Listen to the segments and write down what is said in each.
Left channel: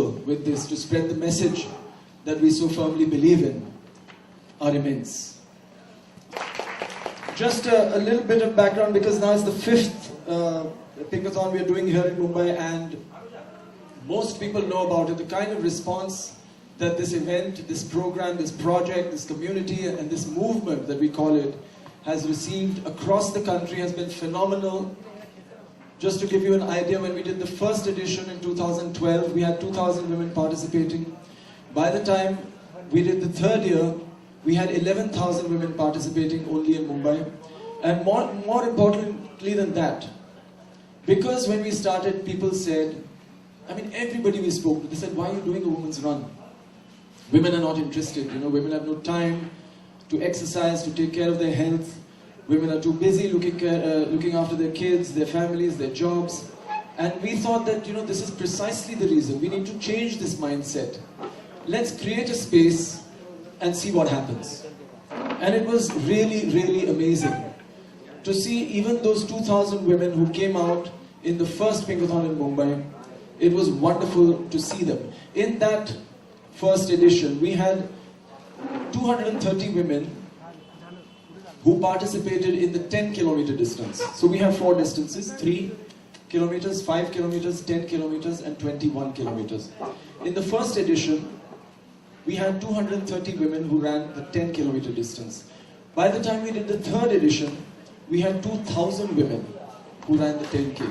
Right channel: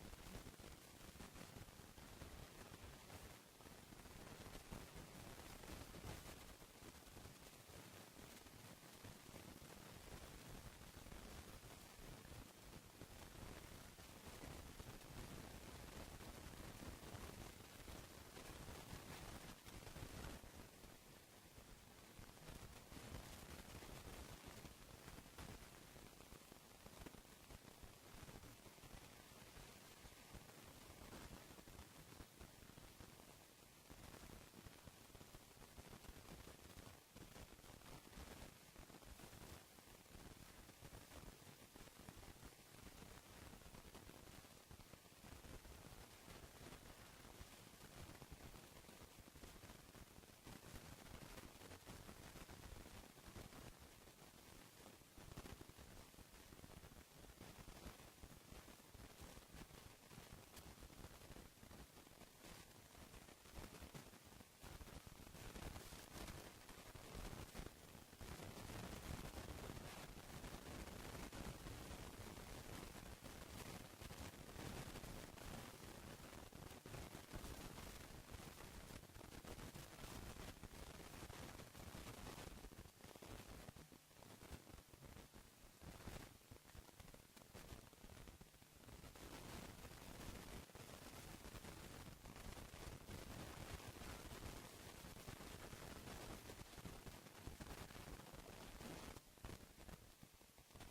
with this to spread the message that we so firmly believe in are immense. Just a little bit of background, because now it's the fifth Pinkathon we are doing here in Mumbai, and most people know about it. The kind of response that this event, this program, this project, this community and this movement that we call it has received across the country has been phenomenal. Just to give you an idea, when we did the first edition in 2012, we had 2,000 women participating. By the time we did the third year, we had 11,000 women participating only in Mumbai. And more importantly than that, because when we started, people said, I mean, everybody we spoke to, they said, why are you doing a women's run? Women are not interested, you know, women have no time to exercise, to take care of their health. Women are too busy looking after their kids, their families, their jobs. And we thought that, you know, this is precisely the reason. We need to change this mindset. Let's create a space and see what happens. And it was really, really amazing to see even those 2,000 women who came out in the first Pinkathon in Mumbai. It was wonderful to see them. In that first edition, we had 230 women who participated in the 10-kilometer distance. So we have 4 distances, 3 kilometers, 5 kilometers, 10 kilometers, and 21 kilometers. In the first edition, we had 230 women who ran the 10-kilometer distance. By the time we did the third edition, we had 2,000 women who ran the 10K.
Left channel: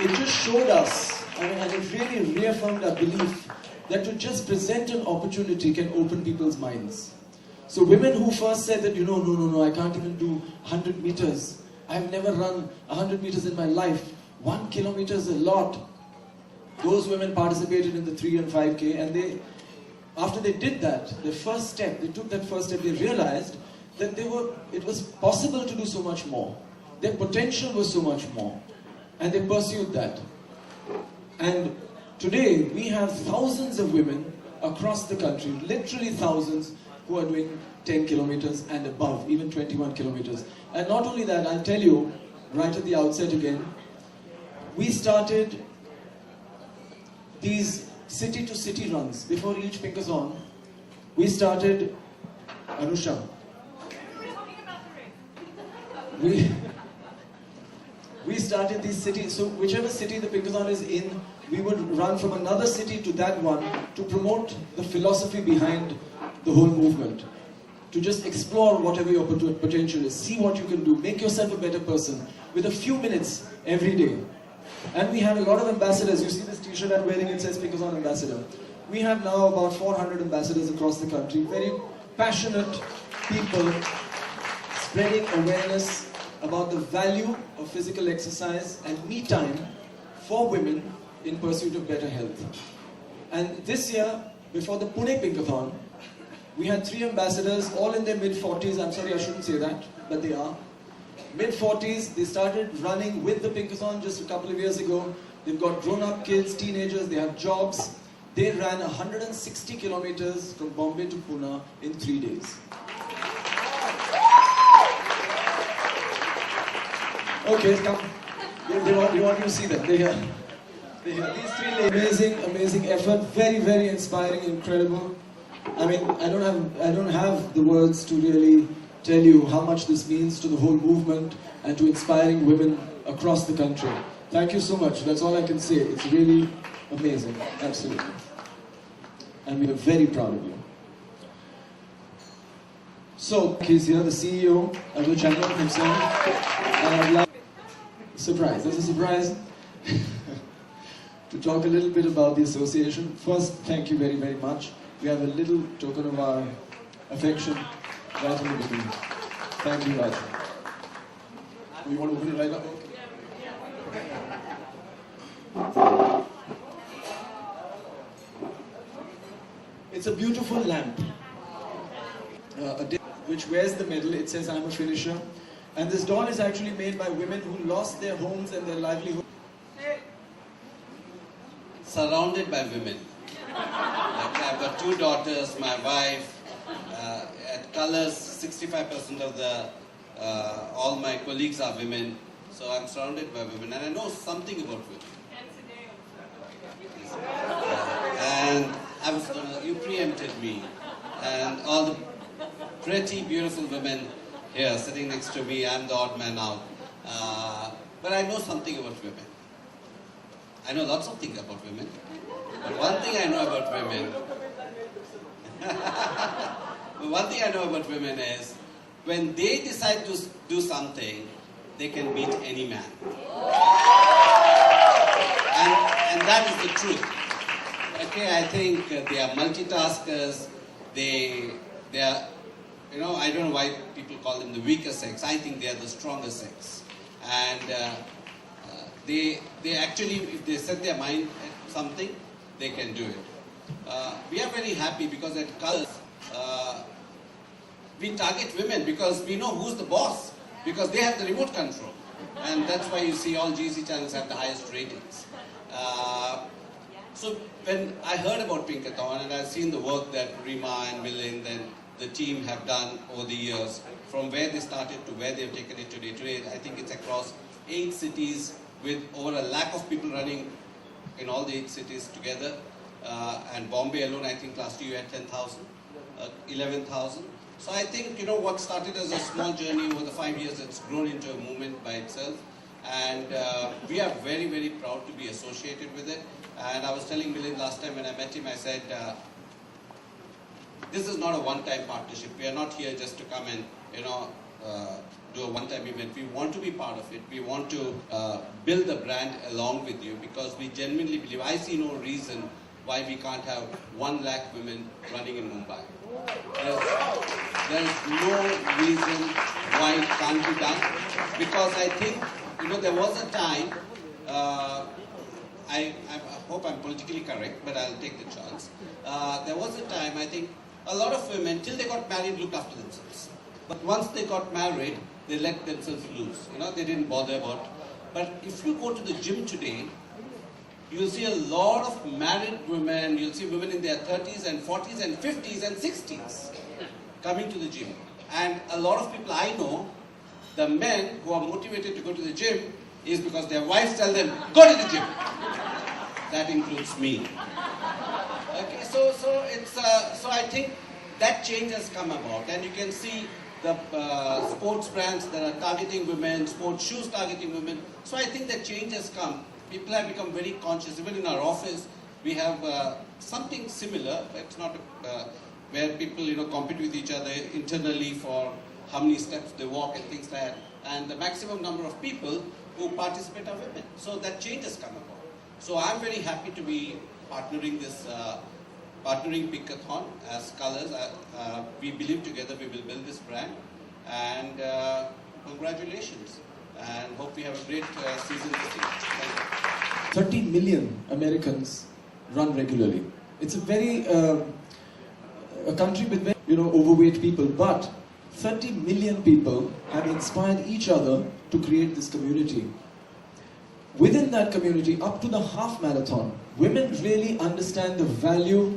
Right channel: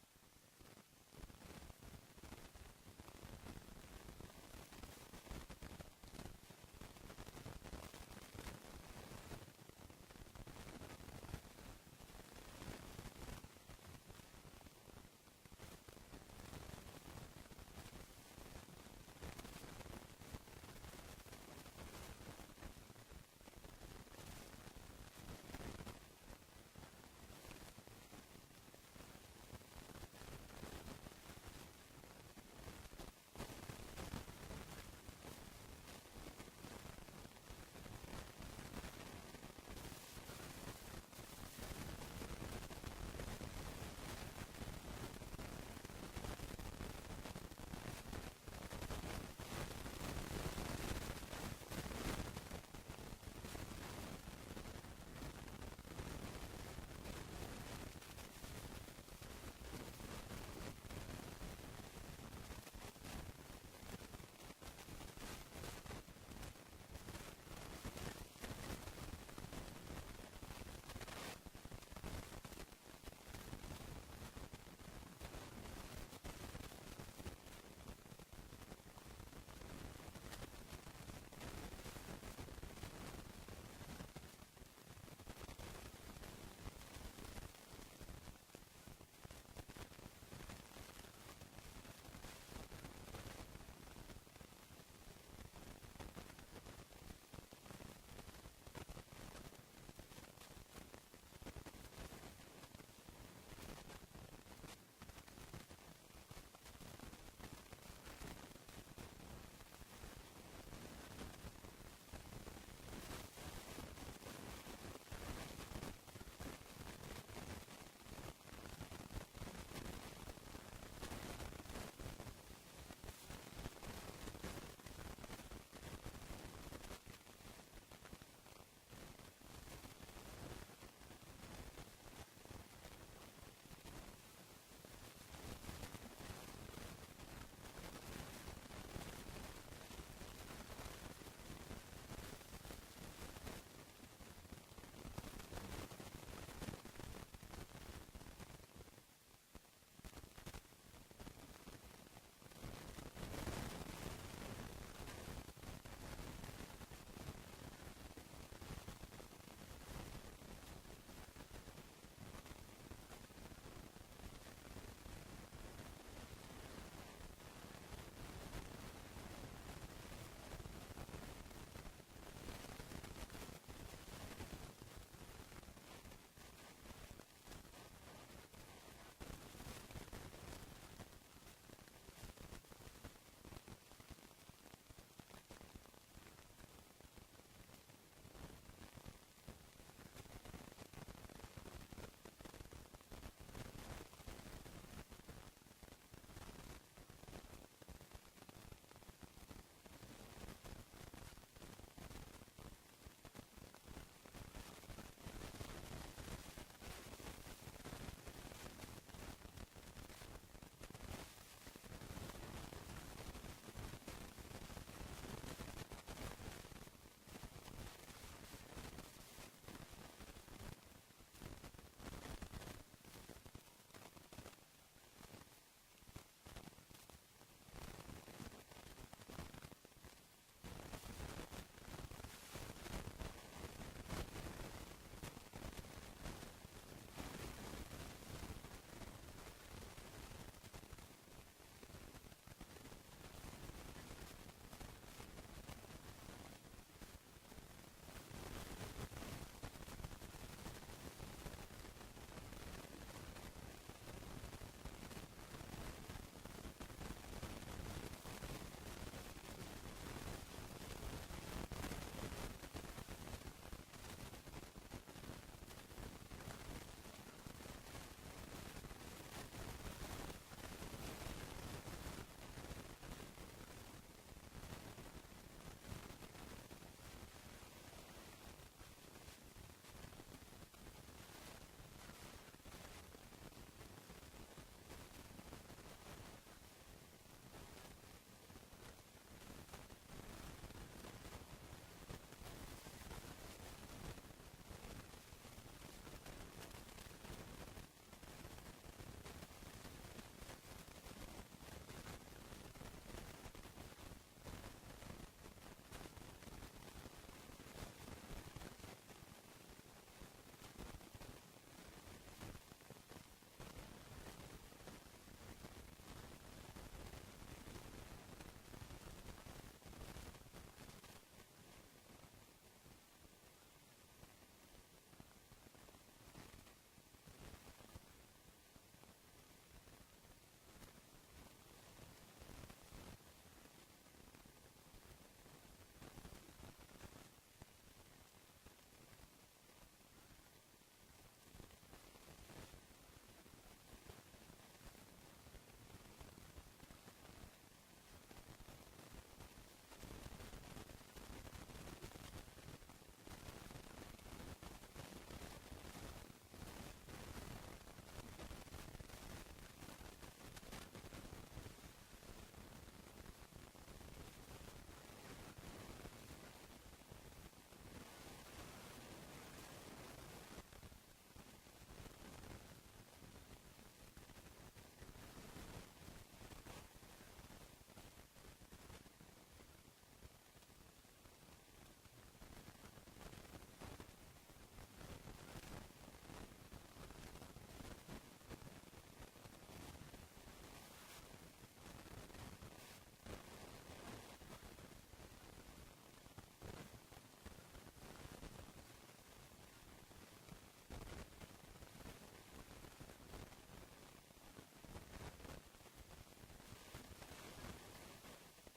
It just showed us, and it really reaffirmed our belief that to just present an opportunity can open people's minds. So women who first said that, you know, no, I can't even do 100 meters. I've never run 100 meters in my life. 1 kilometer is a lot. Those women participated in the 3 and 5K, and after they did that, the first step, they took that first step, they realized that it was possible to do so much more. Their potential was so much more. And they pursued that. And today, we have thousands of women across the country, literally thousands, who are doing 10 kilometers and above, even 21 kilometers. And not only that, I'll tell you, right at the outset again, we started these city-to-city runs. Before each Pinkathon, we started, Anusha, we started these cities, so whichever city the Pinkathon is in, we would run from another city to that one to promote the philosophy behind the whole movement. To just explore whatever your potential is, see what you can do, make yourself a better person with a few minutes every day. And we have a lot of ambassadors. You see this t-shirt I'm wearing, it says Pinkathon Ambassador. We have now about 400 ambassadors across the country, very passionate people spreading awareness about the value of physical exercise and me time for women in pursuit of better health. And this year, before the Pune Pinkathon, we had 3 ambassadors, all in their mid-40s. I'm sorry, I shouldn't say that, but they are. Mid-40s, they started running with the Pinkathon just a couple of years ago. They've got grown-up kids, teenagers, they have jobs. They ran 160 kilometers from Bombay to Pune in 3 days. Okay, come. They want you to see them. They're here. These 3 ladies, amazing effort, very, very inspiring, incredible. I mean, I don't have the words to really tell you how much this means to the whole movement and to inspiring women across the country. Thank you so much. That's all I can say. It's really amazing. Absolutely. And we are very proud of you. So, he's here, the CEO of the channel himself. And I'd like surprise. There's a surprise. To talk a little bit about the association. First, thank you very, very much. We have a little token of our affection right in the beginning. Thank you, Raj. You want to open it right up? Okay. It's a beautiful lamp, which wears the medal. It says, I'm a finisher. And this doll is actually made by women who lost their homes and their livelihood. Surrounded by women. Like I've got 2 daughters, my wife. At Colors, 65% of all my colleagues are women. So I'm surrounded by women, and I know something about women. pretty beautiful women here sitting next to me. I'm the odd man out. But I know something about women. I know lots of things about women. But one thing I know about women is when they decide to do something, they can beat any man. And that is the truth. Okay, I think they are multitaskers. They are, I don't know why people call them the weaker sex. I think they are the stronger sex. And they actually, if they set their mind at something, they can do it. We are very happy because at Colors, we target women because we know who's the boss, because they have the remote control. And that's why you see all GC channels have the highest ratings. So when I heard about Pinkathon and I've seen the work that Rima and Milind and the team have done over the years, from where they started to where they've taken it today. Today, I think it's across 8 cities with over 1 lakh of people running in all the 8 cities together. And Bombay alone, I think last year you had 10,000, 11,000. So I think, what started as a small journey over the 5 years, it's grown into a movement by itself. And we are very, very proud to be associated with it. And I was telling Milind last time when I met him, I said, this is not a one-time partnership. We are not here just to come and, do a one-time event. We want to be part of it. We want to build the brand along with you because we genuinely believe, I see no reason why we can't have 1 lakh women running in Mumbai. There is no reason why it can't be done because I think, there was a time, I hope I'm politically correct, but I'll take the chance. There was a time, I think, a lot of women, till they got married, looked after themselves. But once they got married, they let themselves loose. They didn't bother about. But if you go to the gym today, you'll see a lot of married women, you'll see women in their 30s and 40s and 50s and 60s coming to the gym. And a lot of people I know, the men who are motivated to go to the gym is because their wives tell them, go to the gym. That includes me. Okay, so I think that change has come about, and you can see the sports brands that are targeting women, sports shoes targeting women. So I think that change has come. People have become very conscious. Even in our office, we have something similar. It's not where people compete with each other internally for how many steps they walk and things like that. And the maximum number of people who participate are women. So that change has come about. So I'm very happy to be partnering Pinkathon as Colors. We believe together we will build this brand. And congratulations. And hope we have a great season this year. Thank you. 30 million Americans run regularly. It's a very a country with very, overweight people, but 30 million people have inspired each other to create this community. Within that community, up to the half marathon, women really understand the value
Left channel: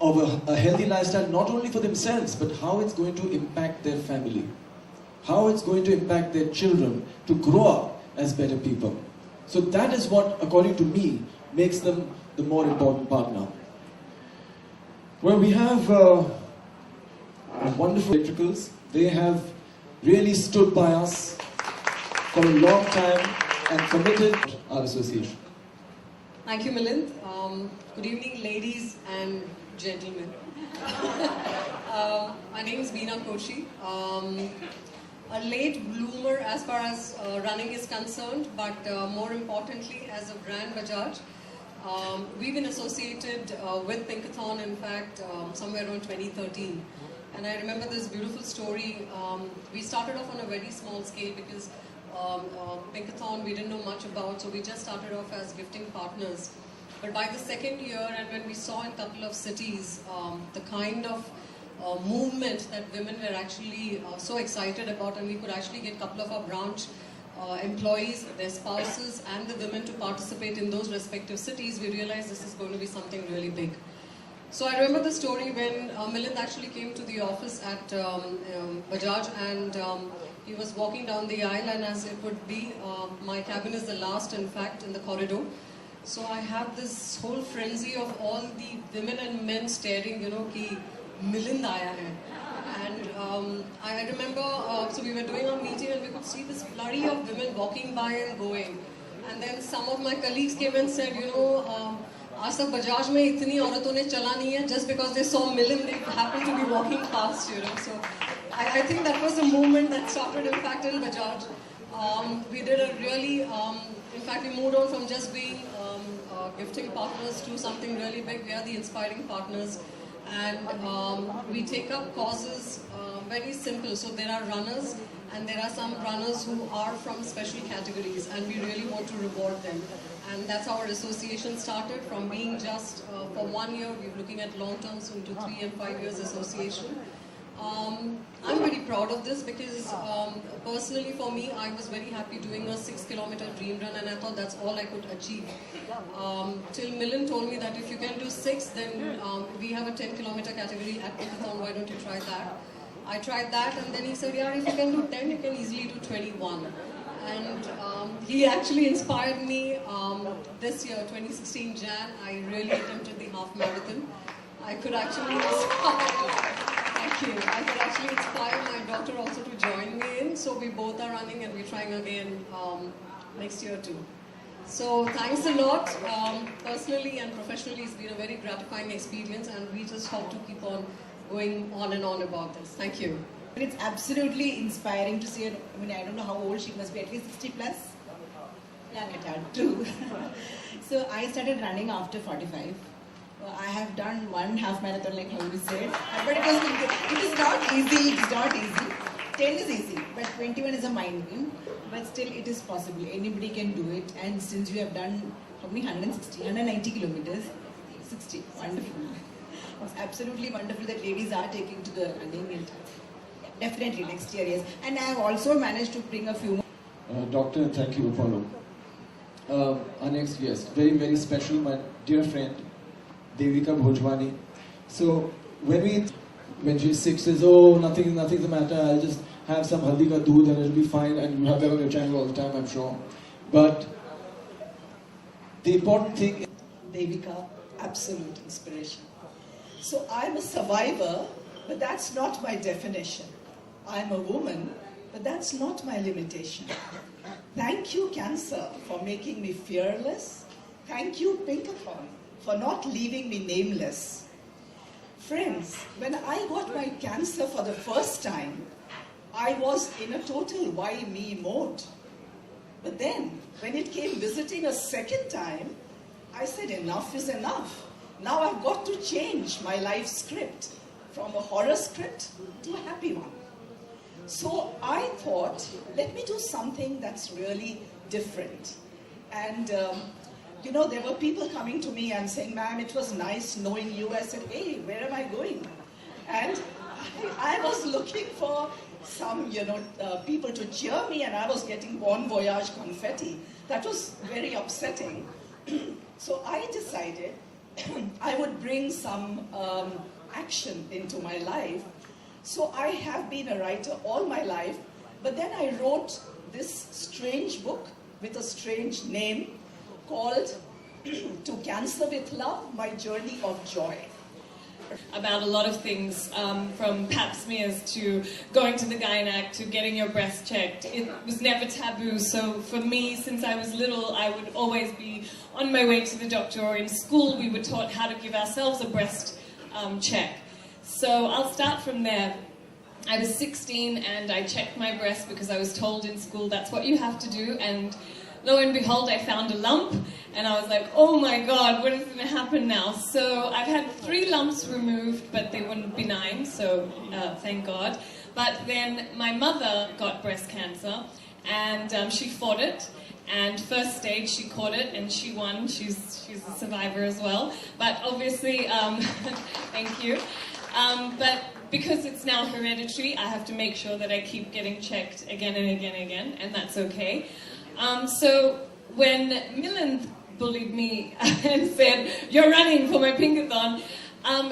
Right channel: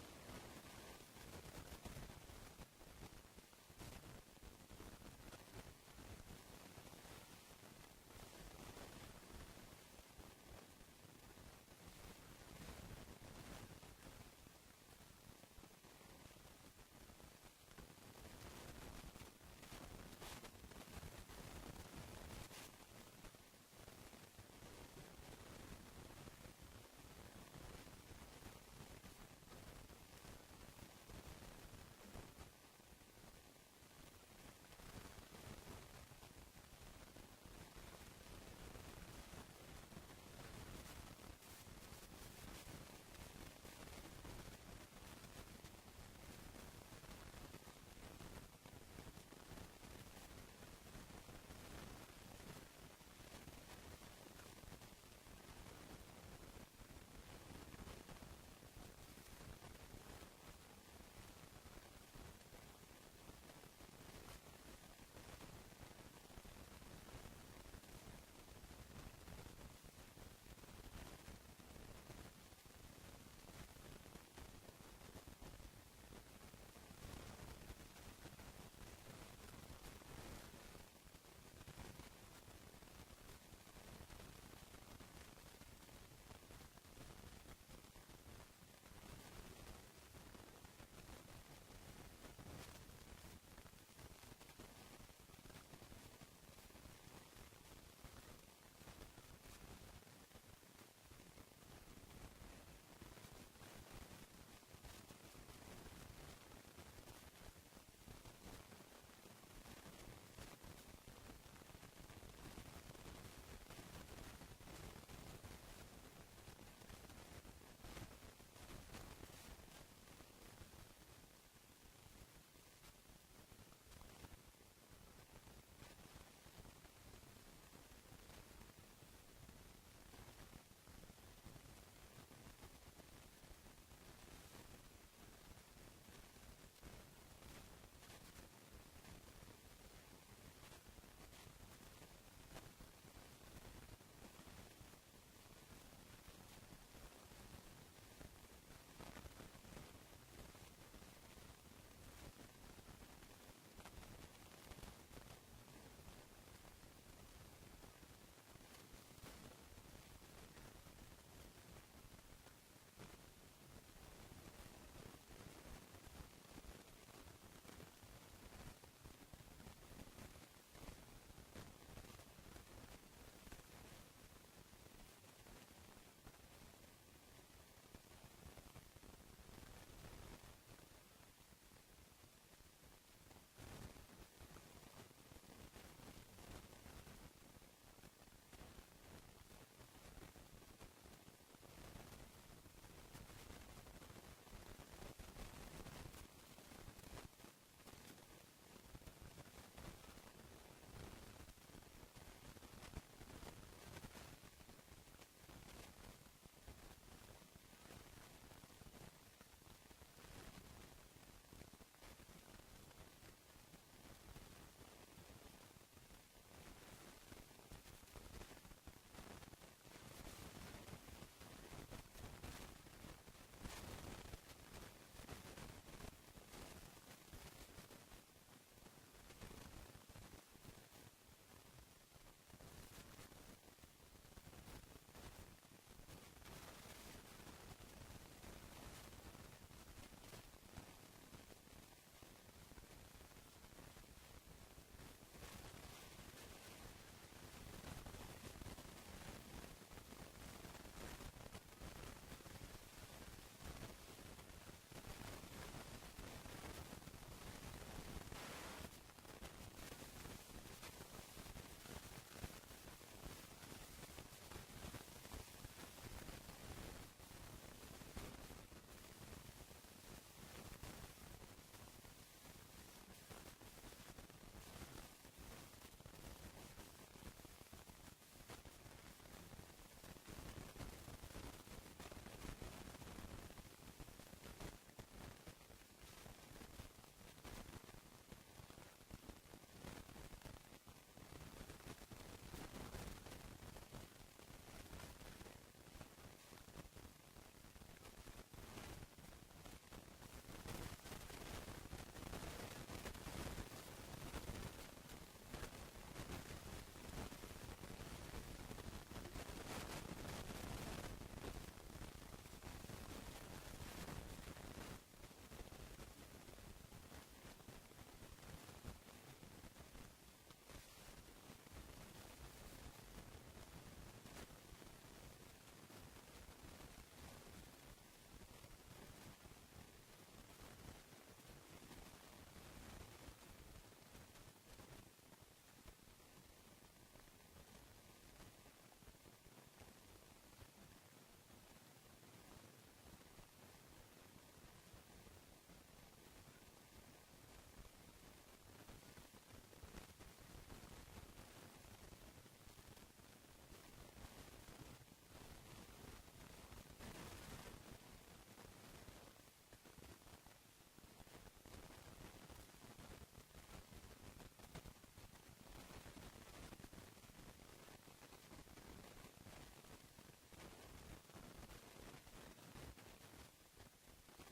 of a healthy lifestyle, not only for themselves, but how it's going to impact their family, how it's going to impact their children to grow up as better people. So that is what, according to me, makes them the more important partner. Well, we have wonderful electricals. They have really stood by us for a long time and committed our association. Thank you, Milind. Good evening, ladies and gentlemen. My name is Veena Koshi. A late bloomer as far as running is concerned, but more importantly, as a brand Bajaj. We've been associated with Pinkathon, in fact, somewhere around 2013. And I remember this beautiful story. We started off on a very small scale because Pinkathon we didn't know much about, so we just started off as gifting partners. But by the second year, and when we saw in a couple of cities the kind of movement that women were actually so excited about, and we could actually get a couple of our branch employees, their spouses, and the women to participate in those respective cities, we realized this is going to be something really big. So I remember the story when Milind actually came to the office at Bajaj, and he was walking down the aisle, and as it would be, my cabin is the last, in fact, in the corridor. So I have this whole frenzy of all the women and men staring, ki Milind aaya hai. And I remember, so we were doing our meeting and we could see this flurry of women walking by and going. And then some of my colleagues came and said, you know, आज तक बजाज में इतनी औरतों ने चला नहीं है, just because they saw Milind, they happened to be walking past, you know. So I think that was the movement that started, in fact, in Bajaj. We did a really, in fact, we moved on from just being gifting partners to something really big. We are the inspiring partners, and we take up causes very simple. So there are runners, and there are some runners who are from special categories, and we really want to reward them. And that's how our association started, from being just for 1 year. We're looking at long term, soon to 3 and 5 years association. I'm very proud of this because personally for me, I was very happy doing a 6-kilometer dream run, and I thought that's all I could achieve. Till Milind told me that if you can do 6, then we have a 10-kilometer category at Pinkathon, why don't you try that? I tried that, and then he said, yeah, if you can do 10, you can easily do 21. And he actually inspired me this year, 2016 Jan. I really attempted the half marathon. I could actually I could actually inspire my daughter also to join me in. So we both are running, and we're trying again next year too. So thanks a lot. Personally and professionally, it's been a very gratifying experience, and we just hope to keep on going on and on about this. Thank you. It's absolutely inspiring to see her. I mean, I don't know how old she must be, at least 60 plus. Young at heart too. So I started running after 45. I have done 1 half marathon, like how you said, but it is not easy. It's not easy. 10 is easy, but 21 is a mind game. But still, it is possible. Anybody can do it. And since you have done how many 190 kilometers, 60, wonderful. It's absolutely wonderful that ladies are taking to the running. And definitely next year, yes. And I have also managed to bring a few. Doctor, thank you, Apollo. Our next guest, very, very special, my dear friend, Devika Bhojwani. So when she's 6, says, oh, nothing's the matter, I'll just have some haldi ka doodh and it'll be fine, and you have that on your channel all the time, I'm sure. But the important thing is Devika, absolute inspiration. So I'm a survivor, but that's not my definition. I'm a woman, but that's not my limitation. Thank you, cancer, for making me fearless. Thank you, Pinkathon, for not leaving me nameless. Friends, when I got my cancer for the first time, I was in a total why me mode. But then, when it came visiting a second time, I said enough is enough. Now I've got to change my life script from a horror script to a happy one. So I thought, let me do something that's really different. And you know, there were people coming to me and saying, ma'am, it was nice knowing you. I said, hey, where am I going? And I was looking for some, people to cheer me, and I was getting Bon Voyage confetti. That was very upsetting. So I decided I would bring some action into my life. So I have been a writer all my life, but then I wrote this strange book with a strange name called To Cancer with Love, My Journey of Joy. About a lot of things, from pap smears to going to the gynac to getting your breast checked. It was never taboo, so for me, since I was little, I would always be on my way to the doctor, or in school we were taught how to give ourselves a breast check. So I'll start from there. I was 16 and I checked my breast because I was told in school that's what you have to do, and lo and behold, I found a lump, and I was like, oh my God, what is going to happen now? So I've had 3 lumps removed, but they weren't benign, so thank God. But then my mother got breast cancer, and she fought it, and first stage she caught it, and she won. She's a survivor as well. But obviously, thank you. But because it's now hereditary, I have to make sure that I keep getting checked again and again and again, and that's okay. So when Milind bullied me and said, you're running for my Pinkathon,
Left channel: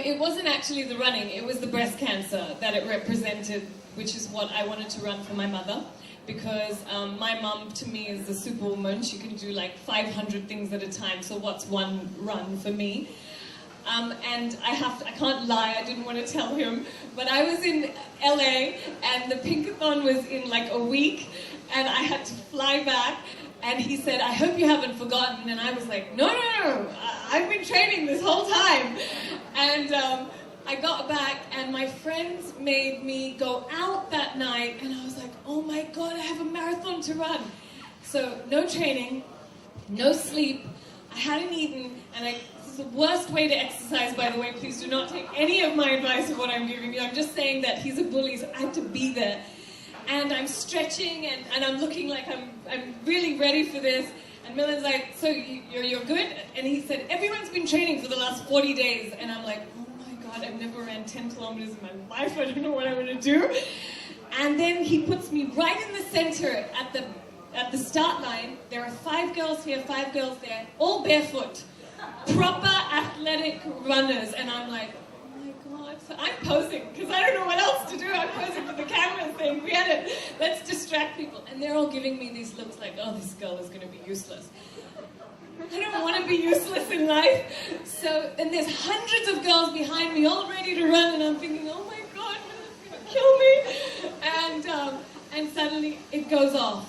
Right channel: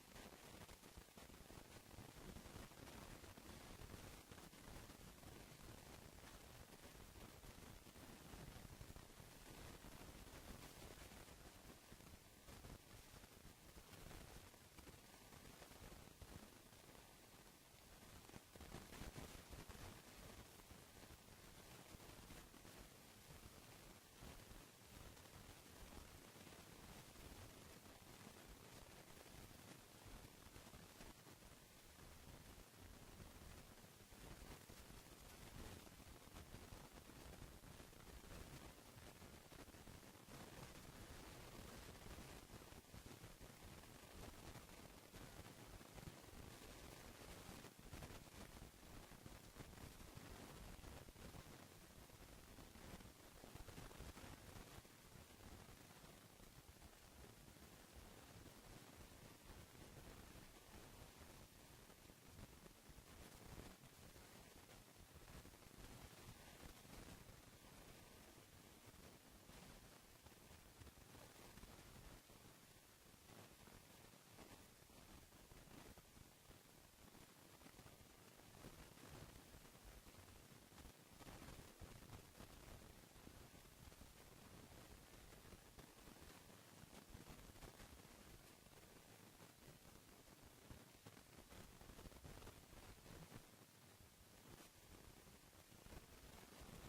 it wasn't actually the running, it was the breast cancer that it represented, which is what I wanted to run for my mother. Because my mum, to me, is a superwoman. She can do like 500 things at a time, so what's one run for me? And I can't lie, I didn't want to tell him, but I was in LA and the Pinkathon was in like a week and I had to fly back, and he said, I hope you haven't forgotten. And I was like, no, I've been training this whole time. And I got back and my friends made me go out that night, and I was like, oh my God, I have a marathon to run. So no training, no sleep, I hadn't eaten, and this is the worst way to exercise, by the way. Please do not take any of my advice of what I'm giving you. I'm just saying that he's a bully, so I have to be there. And I'm stretching, and I'm looking like I'm really ready for this. And Milind's like, so you're good? And he said, everyone's been training for the last 40 days. And I'm like, oh my God, I've never ran 10 kilometers in my life. I don't know what I'm going to do. And then he puts me right in the center at the start line. There are 5 girls here, 5 girls there, all barefoot. Proper athletic runners. And I'm like, oh my God. So I'm posing, because I don't know what else to do. I'm posing for the camera saying, forget it, let's distract people. And they're all giving me these looks like, oh, this girl is going to be useless. I don't want to be useless in life. So, and there's hundreds of girls behind me all ready to run, and I'm thinking, oh my God, it's going to kill me. And suddenly it goes off.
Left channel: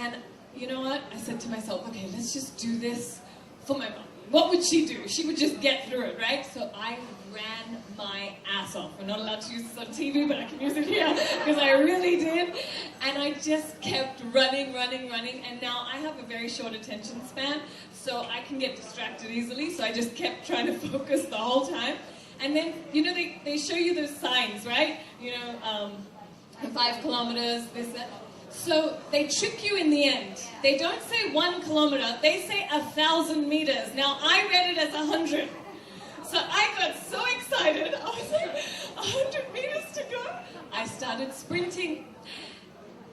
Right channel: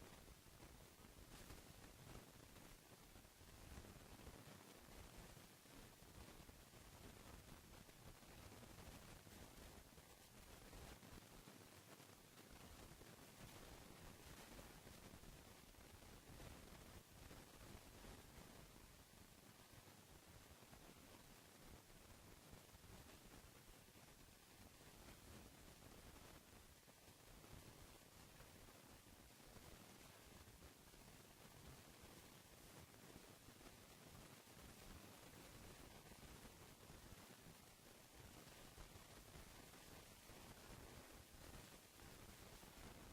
And you know what? I said to myself, okay, let's just do this for my mom. What would she do? She would just get through it, right? So I ran my ass off. We're not allowed to use this on TV, but I can use it here, because I really did. And I just kept running. And now I have a very short attention span, so I can get distracted easily. So I just kept trying to focus the whole time. And then, you know, they show you those signs, right? You know, 5 kilometers, this, that. So they trick you in the end. They don't say 1 kilometer, they say 1,000 meters. Now I read it as 100. So I got so excited, I was like, 100 meters to go? I started sprinting.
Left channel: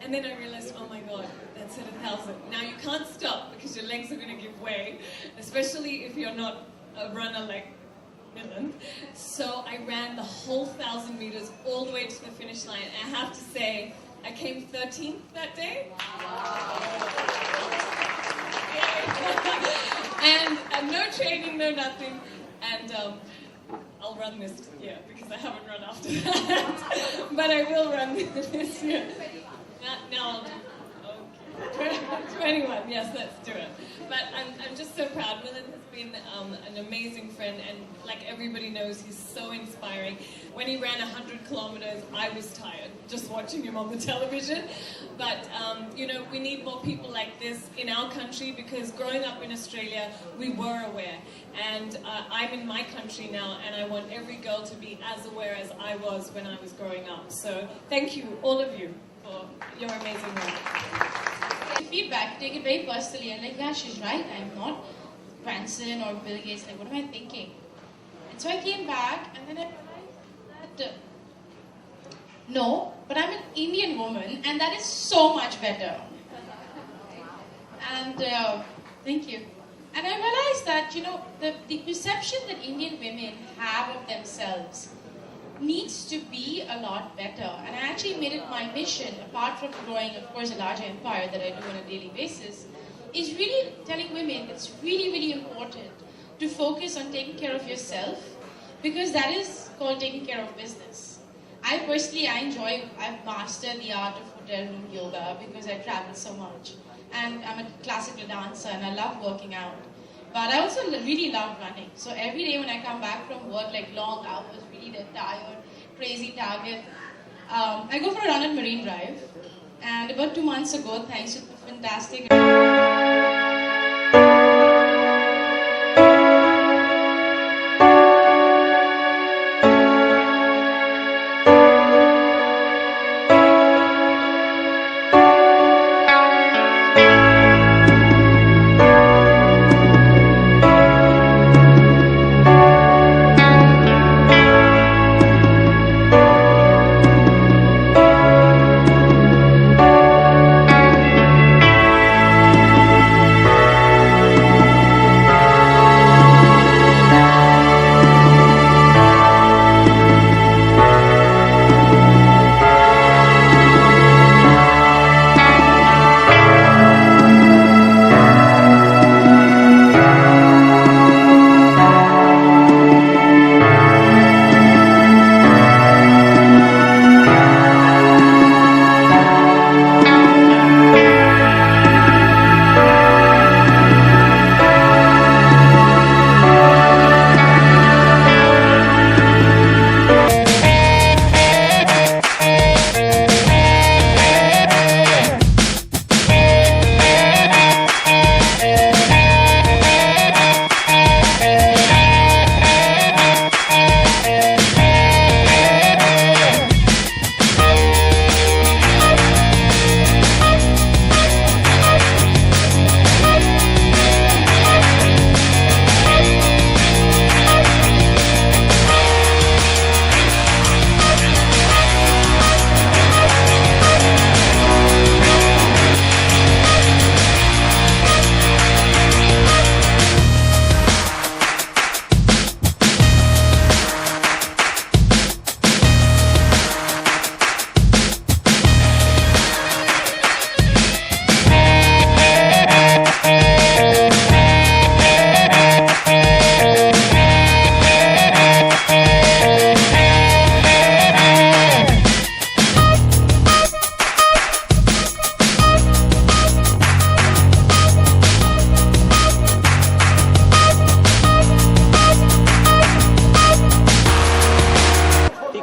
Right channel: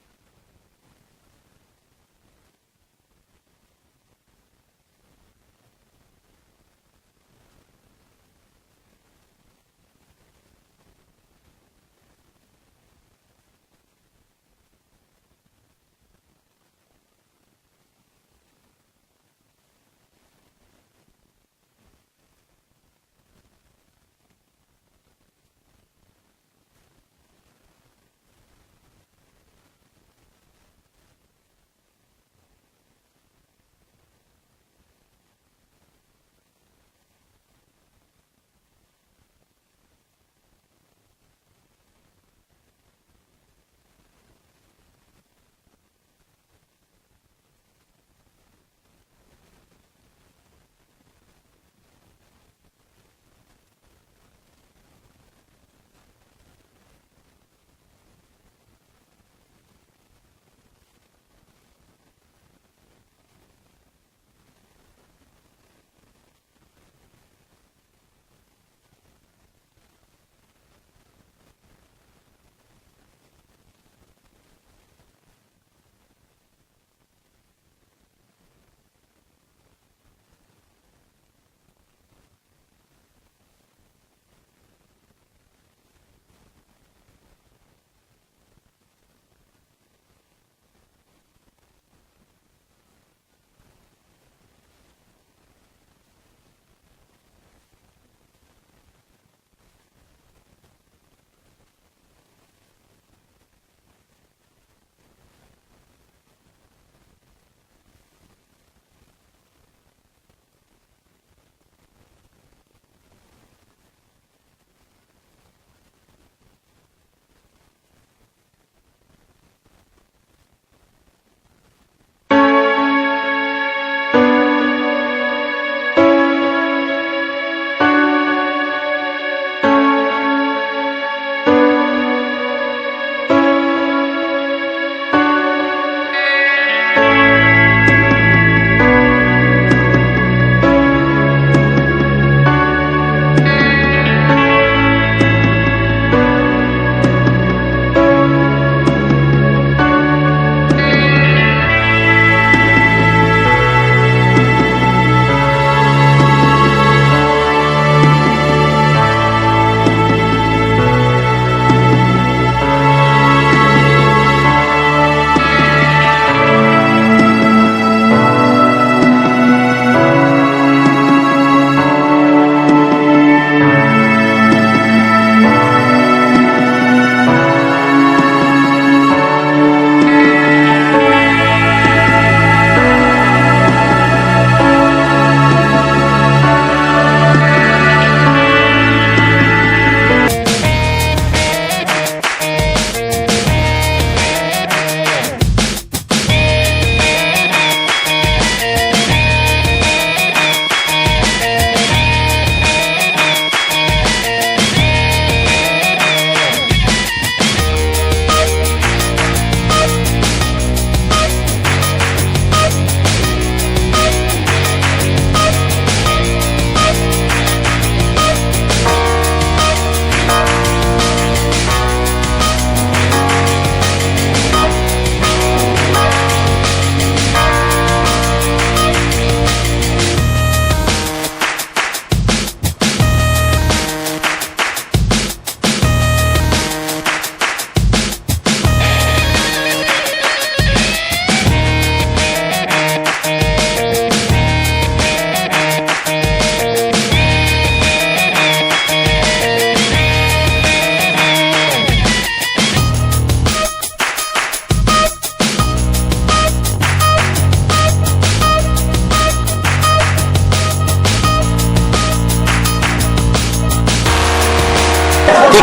And then I realized, oh my God, that's at 1,000. Now you can't stop because your legs are going to give way, especially if you're not a runner like Milind. So I ran the whole 1,000 meters all the way to the finish line. I have to say, I came 13th that day. And no training, no nothing. And I'll run this year because I haven't run after that. But I will run this year. Now I'll do 21, yes, let's do it. But I'm just so proud. Milind has been an amazing friend, and like everybody knows, he's so inspiring. When he ran 100 kilometers, I was tired just watching him on the television. But, you know, we need more people like this in our country, because growing up in Australia, we were aware. And I'm in my country now, and I want every girl to be as aware as I was when I was growing up. So thank you, all of you, for your amazing work. Feedback, take it very personally. I'm like, yeah, she's right. I'm not Branson or Bill Gates. Like, what am I thinking? And so I came back, and then I realized that no, but I'm an Indian woman, and that is so much better. And thank you. And I realized that, you know, the perception that Indian women have of themselves needs to be a lot better. And I actually made it my mission, apart from growing, of course, a larger empire that I do on a daily basis, is really telling women it's really, really important to focus on taking care of yourself, because that is called taking care of business. I've mastered the art of hotel room yoga because I travel so much. And I'm a classical dancer and I love working out. But I also really love running. So every day when I come back from work, like long hours, really dead tired, crazy target, I go for a run at Marine Drive. And about 2 months ago, thanks to the fantastic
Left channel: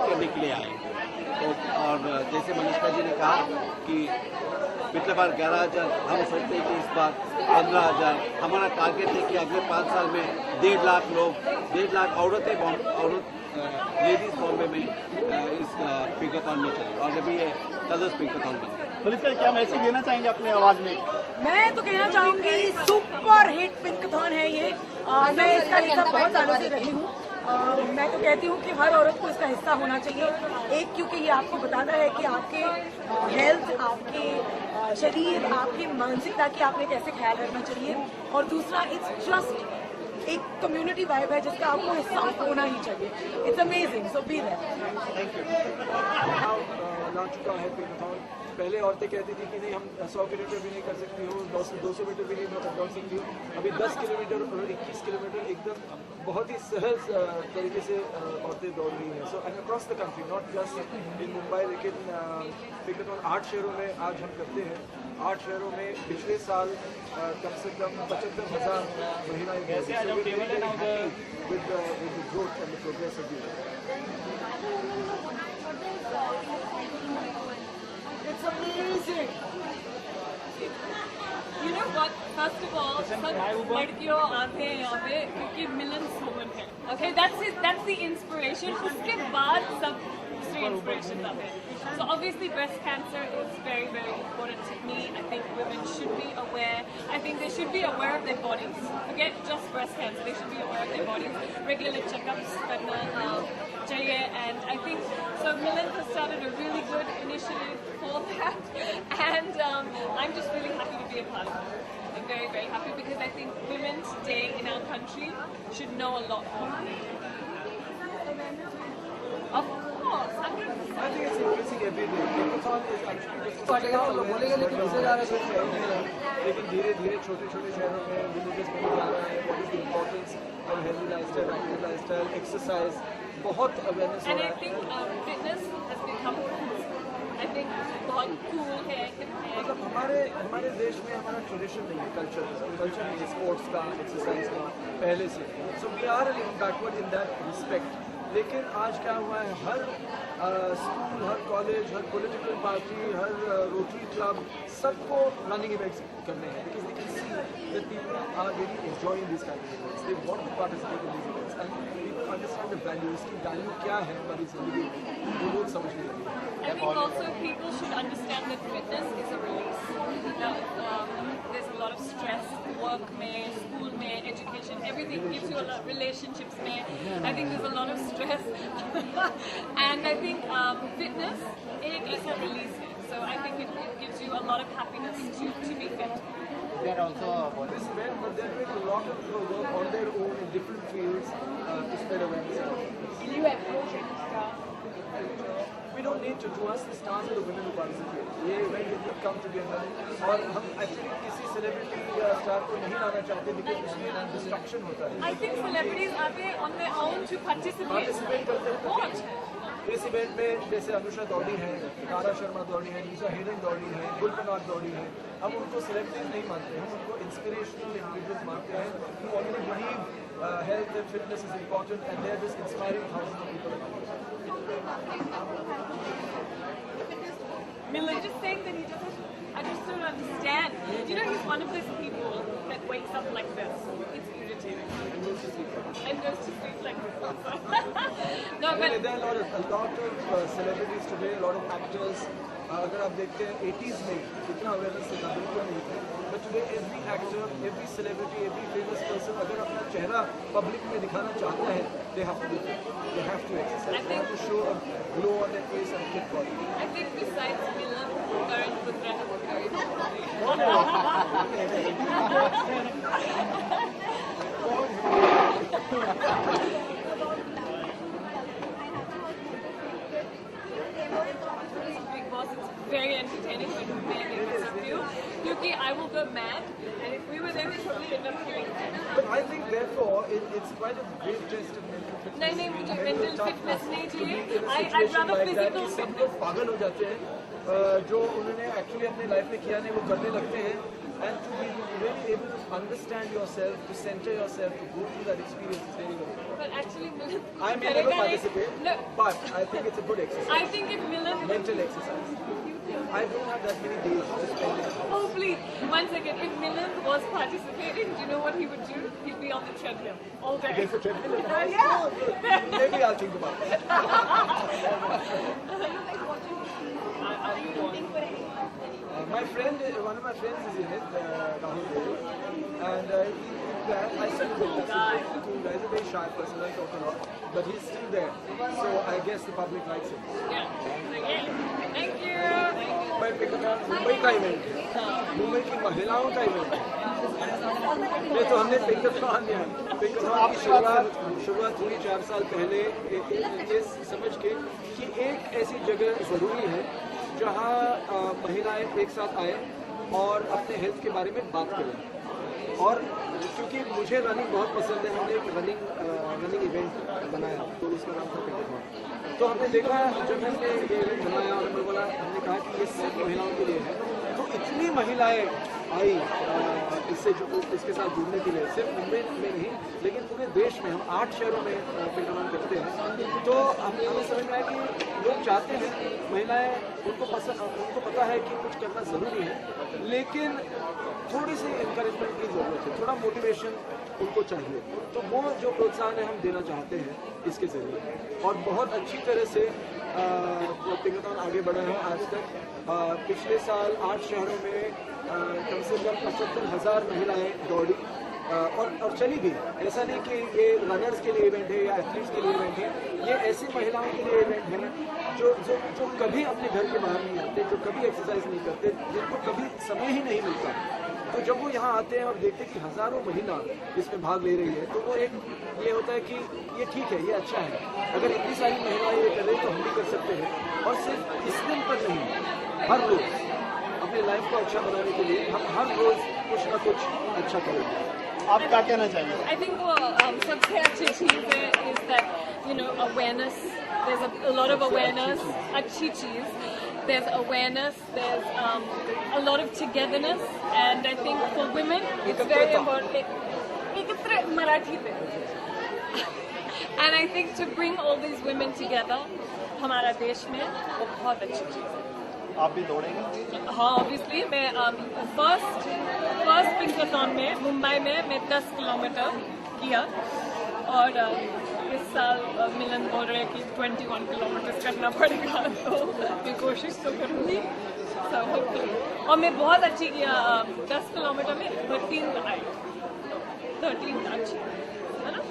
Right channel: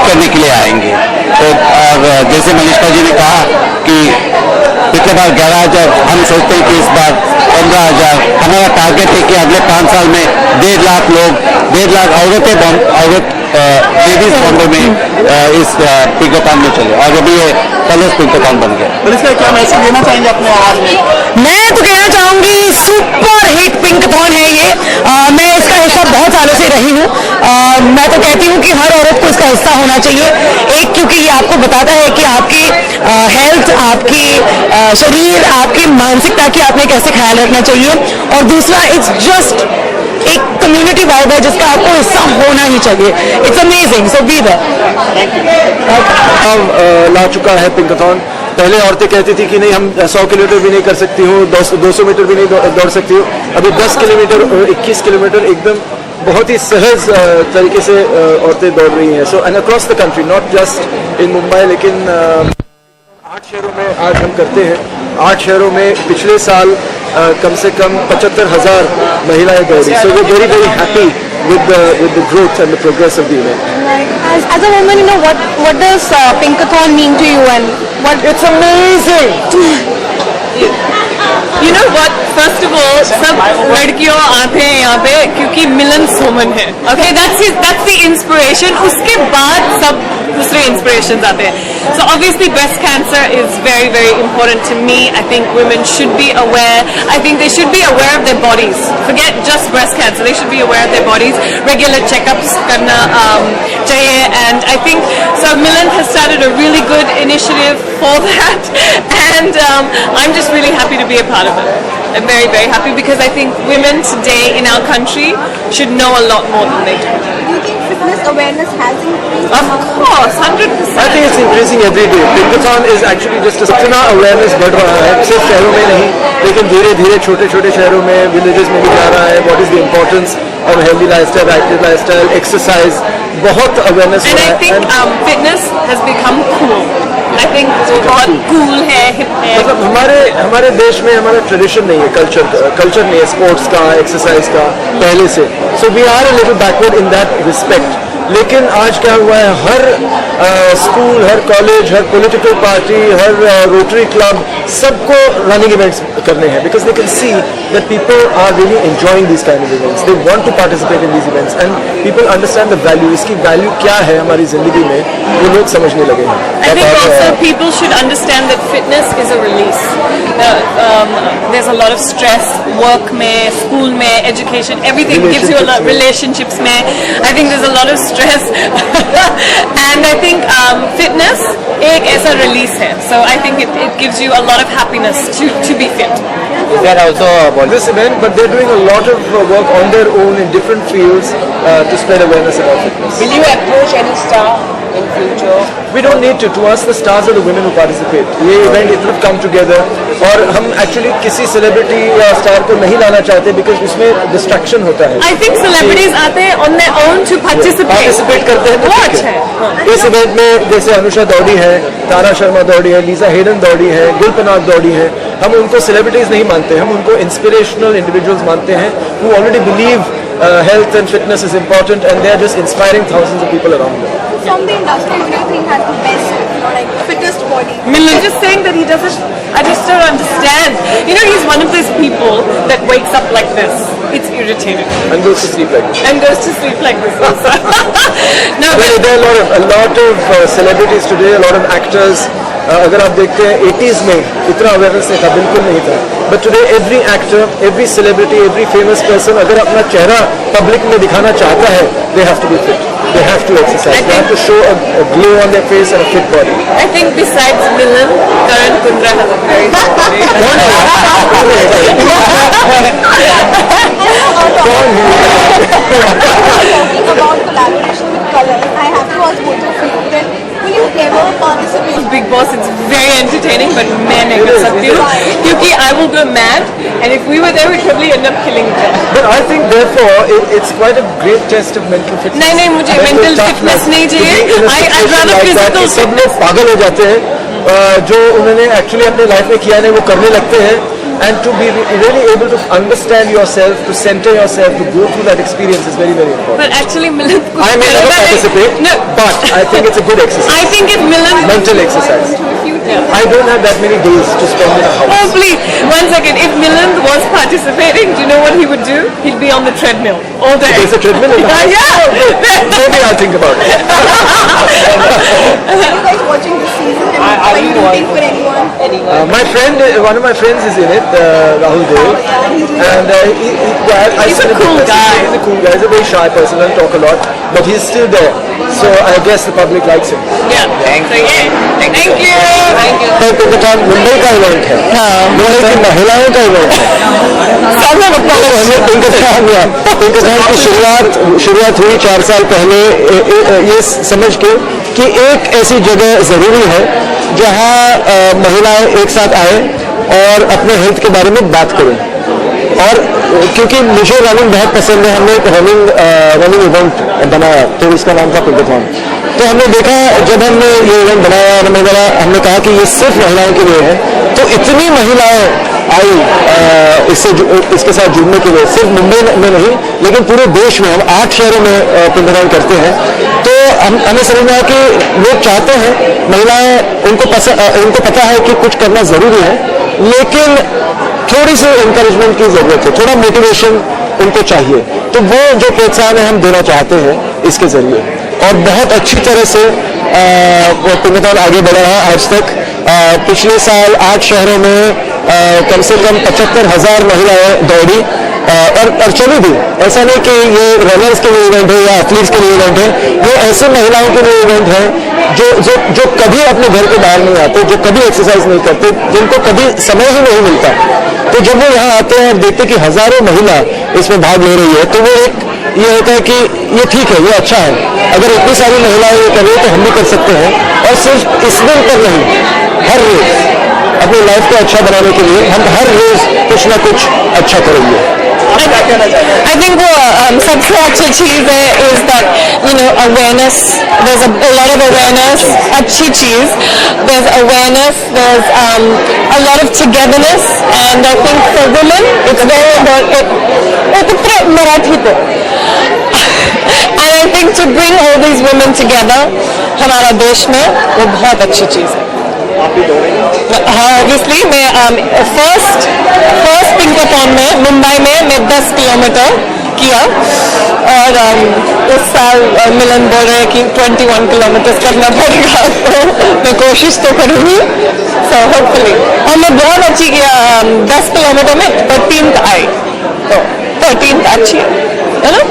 करने के लिए आएंगे। तो और जैसे मनीषा जी ने कहा कि पिछले बार 11,000, हम सोचते हैं कि इस बार 15,000। हमारा टारगेट है कि अगले 5 साल में 1.5 लाख लोग, 1.5 लाख लेडीज बॉम्बे में इस पिंकाथॉन में चले, और अभी ये कलर्स पिंकाथॉन बन गया। तो इसका क्या मैसेज देना चाहेंगे अपने आवाज में? मैं तो कहना चाहूंगी सुपर हिट पिंकाथॉन है ये। मैं इसका हिस्सा बहुत सालों से रही हूँ। मैं तो कहती हूँ कि हर औरत को इसका हिस्सा होना चाहिए। एक, क्योंकि ये आपको बताता है कि आपकी हेल्थ, आपकी शरीर, आपकी मानसिकता की आपने कैसे ख्याल रखना चाहिए, और दूसरा इट्स जस्ट एक कम्युनिटी वाइब है जिसका आपको हिस्सा होना ही चाहिए। It's amazing, so be there. ला चुका है पिंकाथॉन। पहले औरतें कहती थी कि नहीं, हम 100 किलोमीटर भी नहीं कर सकती हूँ, 200 मीटर भी नहीं दौड़ सकती हूँ। अभी 10 किलोमीटर और 21 किलोमीटर एकदम बहुत ही सहज तरीके से औरतें दौड़ रही हैं। So and across the country, not just in Mumbai, लेकिन 8 शहरों में आज हम करते हैं। 8 शहरों में पिछले साल कम से कम 75,000 महिलाएं दौड़ी। So we very very happy with the growth and the progress of the event. As a woman, what does Pinkathon mean to you, and what? It's amazing. You know what? First of all, सब लड़कियों आते हैं यहाँ पे क्योंकि मिलन सोमन है. Okay, that's the inspiration. उसके बाद सब दूसरे inspirations आते हैं. So obviously breast cancer is very, very important to me. I think women should be aware. I think they should be aware of their bodies. Forget just breast cancer. They should be aware of their bodies. Regular checkups करना चाहिए. And I think so. Milind has started a really good initiative for that, and I'm just really happy to be a part of it. I'm very, very happy because I think women today in our country should know a lot more than they do. Do you think fitness awareness has increased? Of course, 100%. I think it's increasing every day. Pinkathon is actually just इतना awareness बढ़ रहा है, सिर्फ शहरों में नहीं, लेकिन धीरे धीरे छोटे छोटे शहरों में, villages में भी जा रहा है. What is the importance of healthy lifestyle, active lifestyle, exercise, बहुत awareness हो And रहा I है. think fitness has become cool. I think वो बहुत cool है, hip है. मतलब हमारे देश में हमारा ट्रेडिशन नहीं है, कल्चर नहीं है स्पोर्ट्स का, एक्सरसाइज का पहले से. So we are a little backward in that respect. लेकिन आज क्या हुआ है, हर स्कूल, हर कॉलेज, हर पॉलिटिकल पार्टी, हर रोटरी क्लब, सबको रनिंग इवेंट्स करने हैं, because they can see that people are really enjoying this kind of events. They want to participate in this events and people understand the value. इसकी value क्या है हमारी जिंदगी में, वो लोग समझने लगे हैं. I think also people should understand that fitness is a release. There's a lot of stress, work में, school में, education, everything gives you a lot. Relationships में, I think there's a lot of stress, and I think fitness एक ऐसा release है. So I think it gives you a lot of happiness to be fit. They are also about this event, but they're doing a lot of work on their own in different fields to spread awareness about fitness. Will you approach any star in future? We don't need to. To us, the stars are the women who participate. ये event इतना come together, और हम actually किसी celebrity या star को नहीं लाना चाहते because उसमें distraction होता है. I think celebrities आते हैं on their own to participate. Participate करते हैं तो वो ठीक अच्छा है. इस event में जैसे अनुषा दौड़ी है, तारा शर्मा दौड़ी है, लीजा हेडन दौड़ी है, गुलपनाग दौड़ी है. हम उनको celebrities नहीं मानते, हम उनको inspirational individuals मानते हैं who already believe health and fitness is important, and they are just inspiring thousands of people around them. From the industry, who do you think has the best, like fittest body? Milind just saying that he doesn't. I just don't understand. He's one of those people that wakes up like this. It's irritating. And goes to sleep like this. And goes to sleep like this also. No, Well, there are a lot of celebrities today, a lot of actors. अगर आप देखते हैं 80s में इतना awareness नहीं था, बिल्कुल नहीं था. But today every actor, every celebrity, every famous person अगर अपना चेहरा पब्लिक में दिखाना चाहता है, they have to be fit. They have to exercise. They have to show a glow on their face and a fit body. I think besides Milind, Karan Kundra has a very good body. Talking about collaboration with colors, I have to ask both of you that will you ever participate? Big Boss, it's very entertaining, but मैं नहीं कर सकती हूँ क्योंकि I will go mad, and if we were there, we'd probably end up killing each other. But I think therefore it's quite a great test of mental fitness. नहीं मुझे Mental mental toughness fitness नहीं to be चाहिए. in a I'd situation rather like that. physical सब लोग पागल हो जाते हैं, जो उन्होंने एक्चुअली अपने लाइफ में किया नहीं वो करने लगते हैं. and to be really able to understand yourself, to center yourself, to go through that experience is very, very important. But actually, Milind. I may never participate, but I think it's a good exercise. I think if Milind. Mental exercise. I don't have that many days to spend in a house. Oh, please. 1 second. If Milind was participating, do you know what he would do? He'd be on the treadmill all day. There's a treadmill in the house? Yeah. Maybe I'll think about it. Are you guys watching this season? And are you rooting for anyone? One of my friends is in it, Rahul Dev. And He's a cool guy. He's a cool guy. He's a very shy person, doesn't talk a lot, but he's still there. So I guess the public likes him. Yeah. Thank you. Pinkathon Mumbai का event है, मुंबई की महिलाओं का event है। पिंकथॉन की शुरुआत हुई 4 साल पहले ये समझ के कि एक ऐसी जगह ज़रूरी है जहां महिलाएं एक साथ आए और अपने हेल्थ के बारे में बात करें। और क्योंकि मुझे रनिंग बहुत पसंद है, हमने एक रनिंग इवेंट बनाया, तो इसका नाम था पिंकाथॉन। तो हमने देखा, जब हमने ये इवेंट बनाया और हमने कहा कि ये सिर्फ महिलाओं के लिए है, तो इतनी महिलाएं आई इसके साथ जुड़ने के लिए, सिर्फ मुंबई में नहीं लेकिन पूरे देश में। हम 8 शहरों में पिंकाथॉन करते हैं। तो हमें समझ में आया कि लोग चाहते हैं, महिलाएं उनको पता है कि कुछ करना ज़रूरी है, लेकिन थोड़ी सी इंकरेजमेंट की ज़रूरत है, थोड़ा मोटिवेशन उनको चाहिए। तो वो जो प्रोत्साहन है हम देना चाहते हैं इसके ज़रिए, और बहुत अच्छी तरह से पिंकाथॉन आगे बढ़ा है आज तक। पिछले साल 8 शहरों में कम से कम 75,000 महिलाएं दौड़ी और चली भी। ऐसा नहीं कि ये रनर्स के लिए इवेंट है या एथलीट्स के लिए इवेंट है, ये ऐसे महिलाओं के लिए इवेंट है जो कभी अपने घर के बाहर नहीं आते, जो कभी एक्सरसाइज नहीं करते, जिनको कभी समय ही नहीं मिलता। तो जब वो यहाँ आते हैं और देखते कि हजारों महिला इसमें भाग ले रही है, तो वो एक ये होता है कि ये ठीक है, ये अच्छा है। अगर इतनी सारी महिलाएं ये कर रही है तो हम भी कर सकते हैं। और सिर्फ इस दिन पर नहीं, हर रोज अपनी लाइफ को अच्छा बनाने के लिए हम हर रोज कुछ ना कुछ अच्छा करेंगे। I think वो सबसे अच्छी चीज़ है is that awareness. There's a lot of awareness. अच्छी चीज़. There's awareness. There's a lot of togetherness, and I think for women it's very important. Marathi पे. And I think to bring all these women together, हमारा देश में वो बहुत अच्छी चीज़ है। हाँ, ऑब्वियसली मैं फर्स्ट पिंकाथॉन में मुंबई में मैं 10 किलोमीटर किया, और इस साल मिलन बोल रहे हैं कि 21 किलोमीटर करना पड़ेगा, तो मैं कोशिश तो करूँगी। सो होपफुली, और मैं बहुत अच्छी किया, 10 किलोमीटर में 13th आई, तो 13th अच्छी है ना।